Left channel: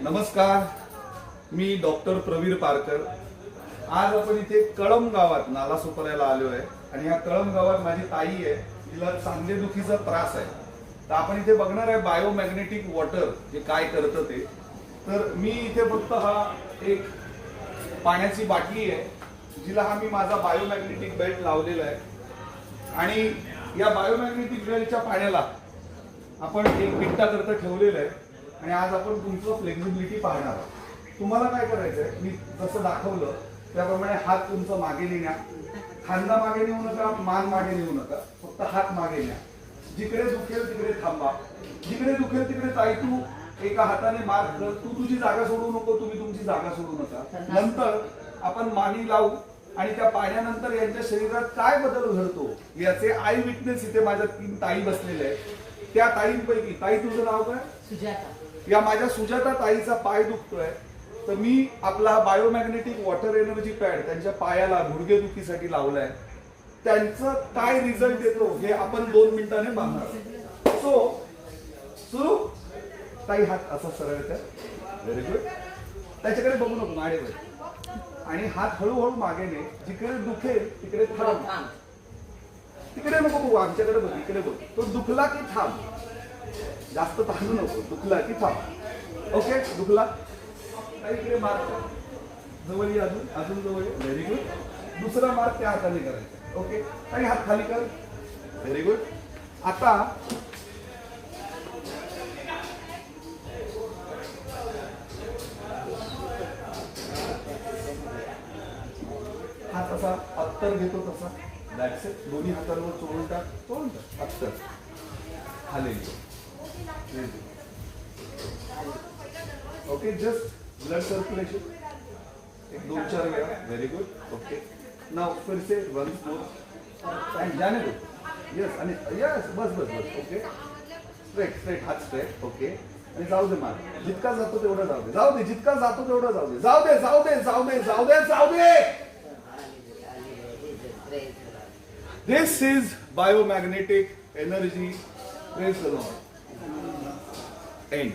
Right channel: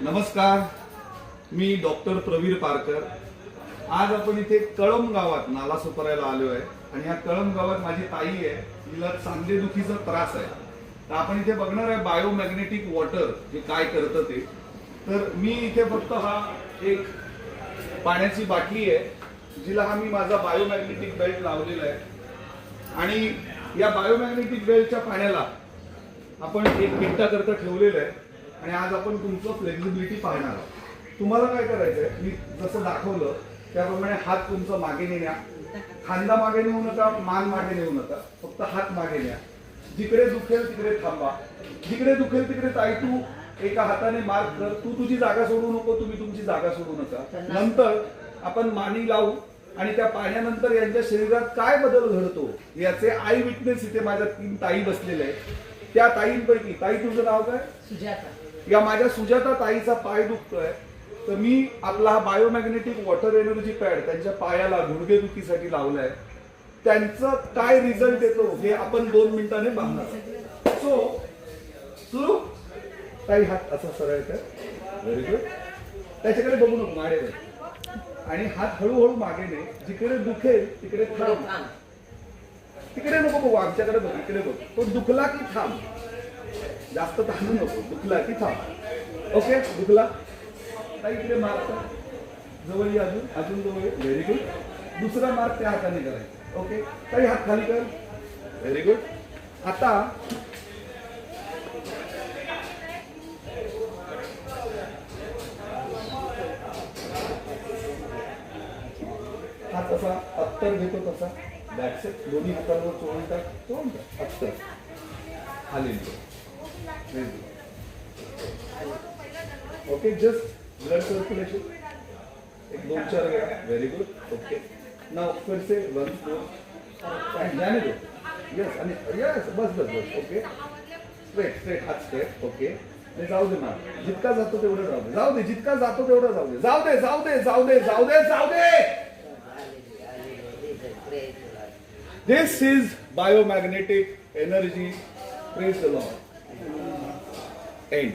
नमस्कार, मी डॉक्टर प्रवीर पारकर. आज आपण इथे कळंब गावात नाला सुपारायला आलो आहे आणि या कळंब गावात माझी ताई आहे, तिला सांधेदुखीचा त्रास आहे. तर आपण इथे बघणार आहे बायोमॅग्नेटिक वॉटर जे काय करतं ते. तर मी इथे फक्त हा एक पाण्याची बाटली आहे जिला हा मी माझा बायोमॅग्नेटिक बेल्ट लावलेला आहे आणि या बायोमॅग्नेटिक बेल्टच्या पाण्याला आपण एक मिनिटा करता ठेवलेलं आहे आणि आज आपण तुमचं फ्लेक्झिबिलिटी पाहणार आहोत. तुम्हाला काय करायचंय, मी जसं दाखवलं त्याप्रमाणे हात तुमचा मागे नेण्या, खांदा मागे नेऊ नका, मान मागे नेऊ नका, फक्त हात मागे न्या. जिकडे दुखेल तिकडे थांबा, जिकडे दुखेल तिकडे ताई तू एका हाताने मार्क कर, तू तुझी जागा सोडू नको, तुम्ही तुमची जागा सोडू नका. नंतर आपण मानी लावू आणि त्या पाण्यानंतर यांच्या शरीरात काय बदल घडतो याचे आय विटनेस इथे माझ्या 3 ताई बसलेल्या आहेत. त्या ताईंपैकी, ताई तुझं नाव काय? सुजाता. या माझ्या सुजाता ताईचा पाय दुखतोय, तर मी आपला हा बायोमॅग्नेटिक वॉटर एनर्जी पॅड त्यांच्या पायाला गुडघेदुखीसाठी लावलाय. त्यांचं काय रिझल्ट येतो हे आपण 2 मिनिटांनी पाहणार. सो सुरू. ताई हात असा सरळ कर, व्हेरी गुड. त्याच्याकडे बघू नको, माझ्याकडे. आणि हात हळूहळू मागे ने, जिकडे दुखेल तिकडे थांब. तिकडे नको बघू, आमच्याकडे बघ, इकडे बघ. तो दुखला की थांब, जास्त थांबू नको, दुखला की थांब. ओके, दुखला काही इकडे मार्क जवळ ये, अजून अजून जवळ ये, व्हेरी गुड. दुसरा मार्क त्या हाताने करायचा. ओके, काही हात खाली कर, व्हेरी गुड. आता हात असा अत्तर घेतो तसा, दॅट्स इट. दोन्ही हातांवर चोळून टाक, अत्तर खाली. ओके, जस्ट ब्लड सर्क्युलेशन एक 2-4 वेळा, व्हेरी गुड. ओके, नाउ फिर से वन्स मोर एंड जाने दो. यस, आणि यस, बस बस बस. ओके, स्ट्रेट स्ट्रेट, हात स्ट्रेट. ओके, आणि जाऊ दे मार, जितका जातो तेवढा जाऊ दे, जाऊ दे, जितका जातो तेवढा जाऊ दे, जाऊ दे, जाऊ दे, जाऊ दे, जाऊ दे, जाऊ दे. This is biomagnetic energy. Praise the Lord. End.